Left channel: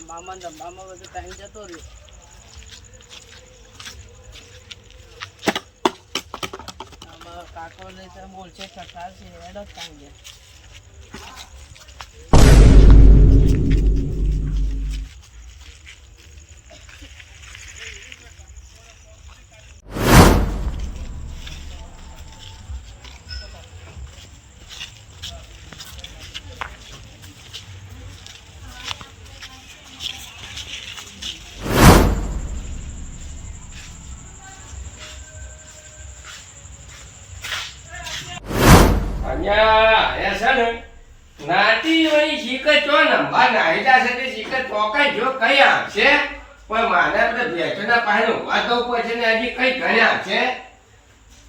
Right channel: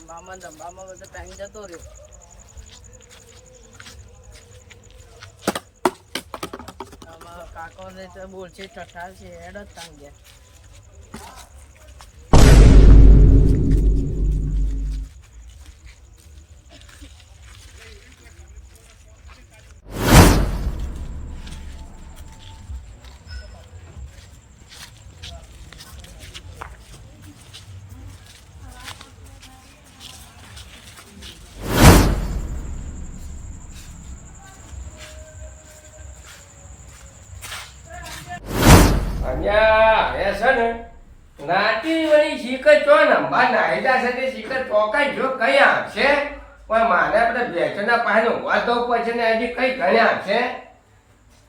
ધંબામાં રમવામાં બધો ટાઈમ જતો રહ્યો. કાકો ને તો બોલશે, ઠઠાર છે, હેડ જ ટાઈમ ગયા અહીંયા છે ને, નાતી વળી શીખર ચો નંબા નાહીદા સાથે શીખર ચોકાઈ જો કઈ આવશે, પણ મારા પેલા ભેંસોના પાસે ઊભા થવું પડશે ને, હજી કઈ ઘરે આવશે.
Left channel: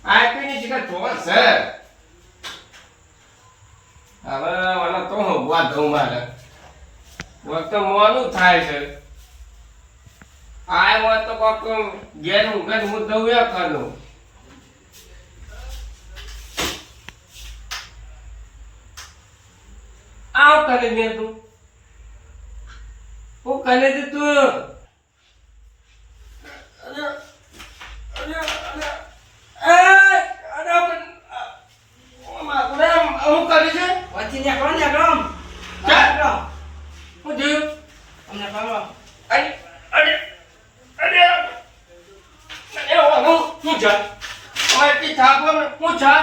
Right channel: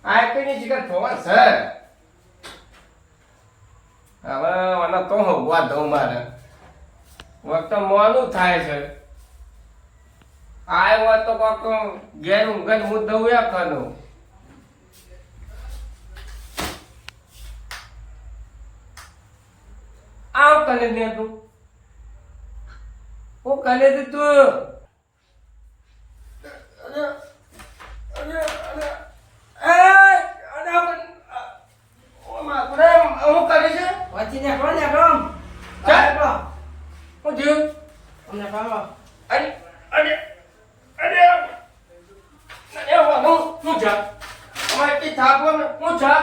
આ કઈની શીખર ચો છે. હવે મને તો હું ઊભા થઉં મારે. મોડું થાય છે. આ વાત તો કોક ઘેર ઊંઘે હું દઉં એ કરું આવ કરે ને તું હું કરે છે તું અમને પાડો અરે અરે અરે અરે હું હું જા અમારે તી થાપ હું જા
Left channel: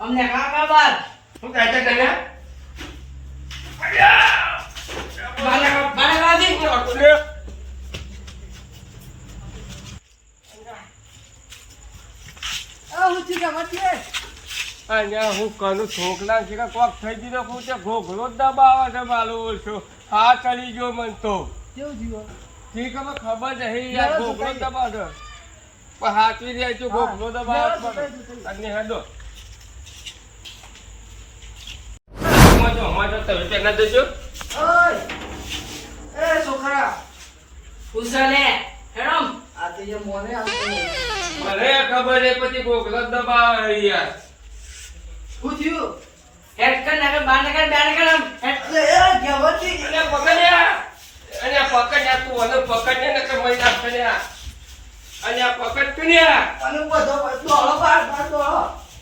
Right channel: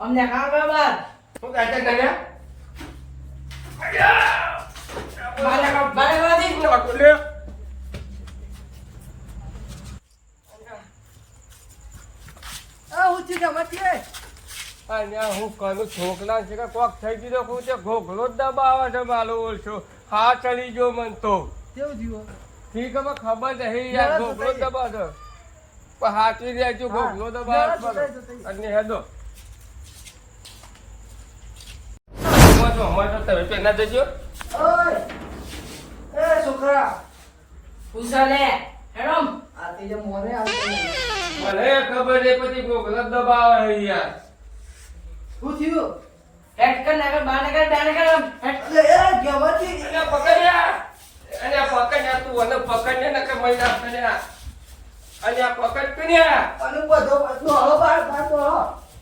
અમને કાં કાં બાદ હું કરે બાને બાને બાદી અરે આ ઉઠી ગયા મતી અહીંયા હું કનો છોકરા છે કોક દબાવે ઓછો હા, ચડી ગયો મન તો. ખબર નહીં જ પણ જાય છે ઘોઘરો દબાવે સુતાઈ. અને હેડો સમજો સમજો તમે પેલા દેજો ઓય! એ છોકરા! ઉસાલે હેડમ. આ તો મોને આવતો મને ખબર એ પછી ઘોઘરો દબાવે યાર. શું થયું? હેડ કર નાખે બાર નાખે બે નાખે હેડ એ જવતી અને પકડ્યા અને પકડ્યા તું મને પકડ્યા ને કે ના ફેર્યા અને આ. પકડ કર્યા અને બધો બધો હળો બાર બાર તો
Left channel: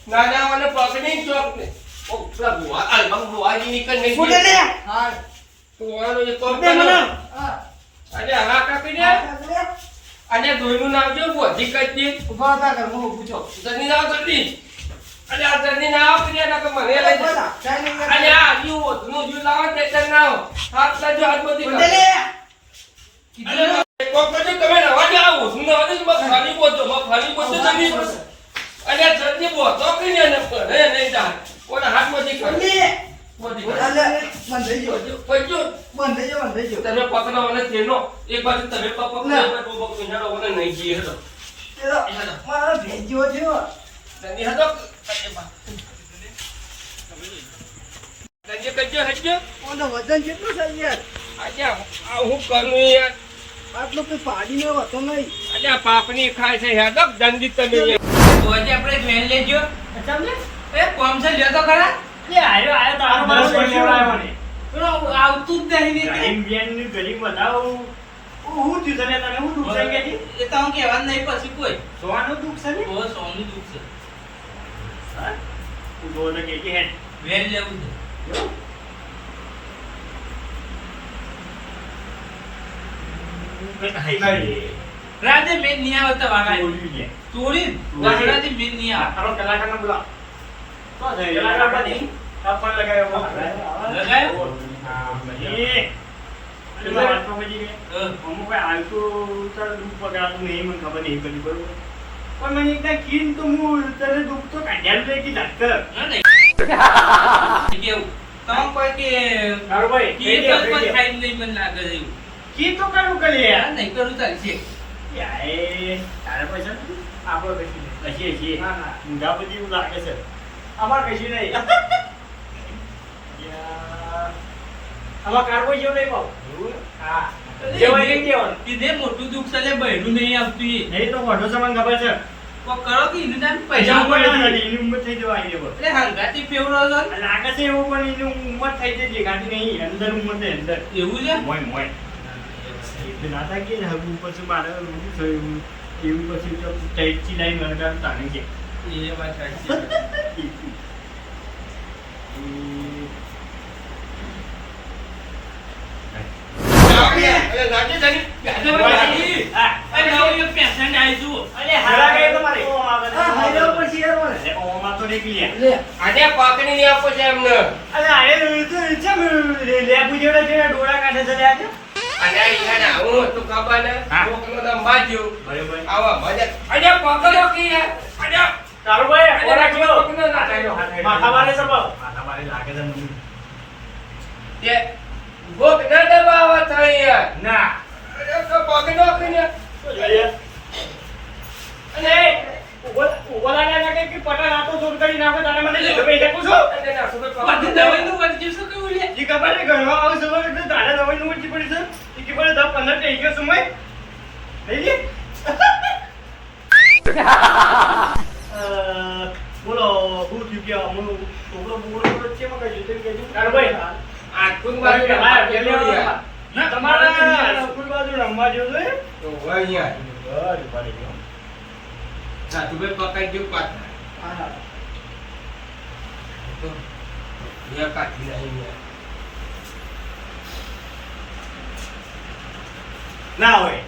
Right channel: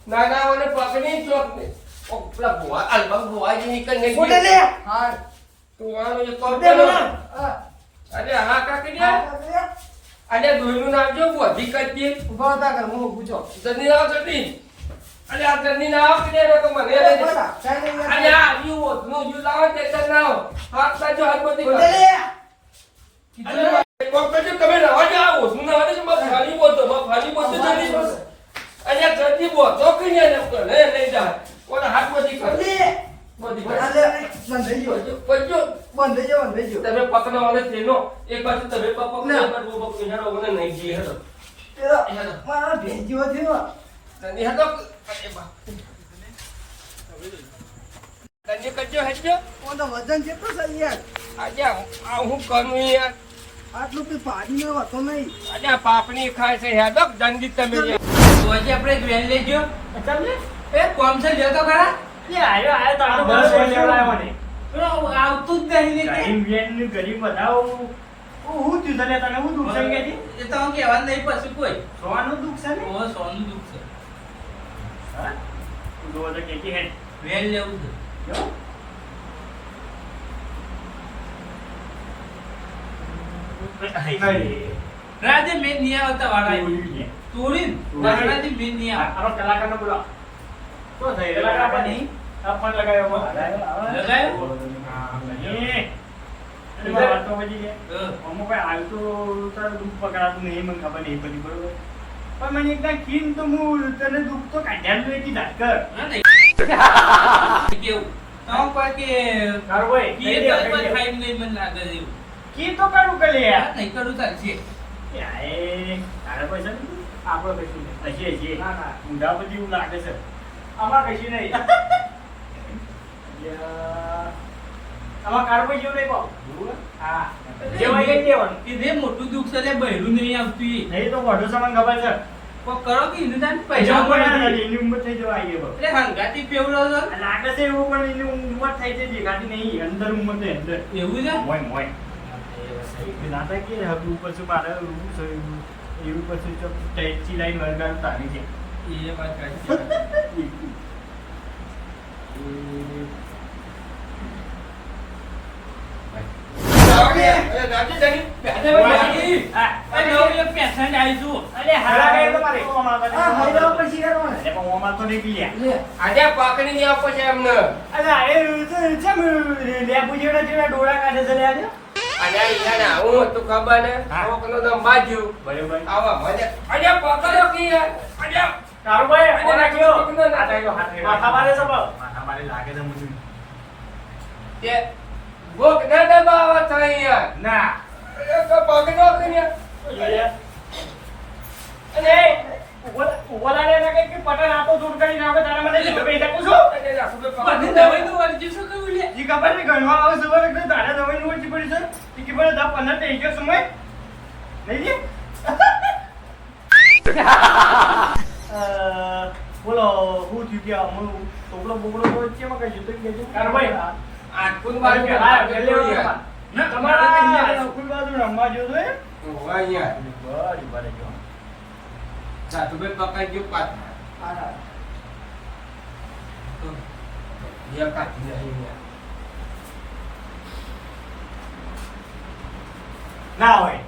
ના ના મને પકડી ચોક ને ઓ પેલા ભુવા અલબંગ ભુવાજી નીકળ ને ફોટે લે હા તું આનો જે કોલ દે કરો હા કાકી ને અને નામ જો બોધી કચ્છી ઊભા હતા કર હું પૂછો જની નામ જની અને આ કે ને કે મને લઈ જા અને આ યુ ઓધનું યુ લાવો તે તર નામ હાથ લાજો હાથ બધી ફોટે લે કોક કજો તમે રવા જાવ ઓધનું ના આવે મત ખાલી બોતો મત ખાલી બોતો અને જની બોતો કે ને ને નહીં જા ઓના હાથમાં બધી કર બધી કર બંધ થઈ ગયો. કજો બંધ થઈ ગયો બંધ થઈ ગયો. તમે પકડો મને તેનો એક બાજુ તમે પકડો ના. એક બાજુ બબક નિહાળો મને નહીં જીએ હતો મારો ભેજ થયો તને હતો અરે બા તને ઓનો વજન કેટલું છે યાર? આજે આ હું કરું યાર? આટલું કઈ પાડી નો હતો નહીં. આજે પાપની ખાય છે યાર દક તમે. તો આજે આપણે જોઈ લેજો. તમને એ કોમ છે લે તો ખરા. એ આયો આયો તારો બસ લેવડાયો મને પેલો આવતું જ નહીં ને તે. ગરીબની ગરીબ બતાવો. હું થયું તને? તને હું દુઃખ છે કે એ તો હું કહેવાનું નહીં પછી કોઈ. સોવાનું દુઃખ છે ને? ઓ સોનું દુઃખ છે. હું? તું જોવો તો કેટી હે. વેર લેવું છે. કેવું? હાય. રાતે મેં નહીં આવતા છે. ચોરી ગરડાથી મેં નહીં આ આવતા તારો કલાકારને બોલાવો. તો થઈ. નહીં. લગાવ્યો લગાવ્યો? હા, તો સમજી ગયા. અમુક આવતું તારું દુઃખ પકડાતું નહીં મને ખબર નહીં પડી બરોબર પણ મને તો હું તને દુઃખ તો કાઢ્યા જ નહીં ધાક કેવું તમે કોઈ કે તારું ભાઈ કે પણ કહી નહીં મને લાગે છે તો કે લે યાર નહીં કરું ચાલશે યાર, તારે પૈસા આપણો. ઊંધા બધી એવું લાગે છે આમાં કશી નહીં. યાર, આમાં કાર્બોય જેવું નહીં પાવ. એવું? હા. જેવાય નહીં. કીધે મોટું દુઃખ છે બહેરું નહીં આવતું. એ. નહીં તો મોઢું છે ખબર છે. કરો કે એનું નામ પૈસા પૈસા પણ પણ નથી, એની ઉંમર થઈ જવા આવી એટલે હંગાથી ફેવરો લાગે છે એવું પણ એની ઉંમર થઈ છે દેખાતી નહીં. અંદર ઉંમર છે અંદર. એવું છે? મોય નાદાગીર હગું પછી મારે એવું થયું એવું. પછી તો લાઈન કે એ વાત ખબર ને હા. દમ બરોબર આવા મજા આજે પકડો કી યાર આજે કારુભાઈ અરે, કયો કોકનો ના થાય. માથા મારે સબો માથા મારે લાગે છે મને. તે ભૂખ ના દબાવો તો ના. એ તો પકડો કરીને અને ઓલાને ના કે પટન આતો દૂર કરી નાખો તારે મને લીધો પૈસા પૂછો. ના બધું પકડો. દવાઈનું વર્જ્યું છે કેવું લે? ઈ આવું સવાર એટલે તારે નું પડી છે. ઈ દસ પંદર થઈ ગયો સમય. લે? અ, બોલો હું થયું કે આ છોકરો બોકડો બોલો છે એમાં કઈ અરે ભાઈ આખું બાજુ હા, હાથ એટલે જેવો યાર. ના, તમારા સ્કૂલ બાજુ રમવા જેવું છે? તો હોય યાર. બરાબર, મારે કેવું. સાધુભાઈ પકડી ગયું પાછા. હા તો કાઢી ના હાય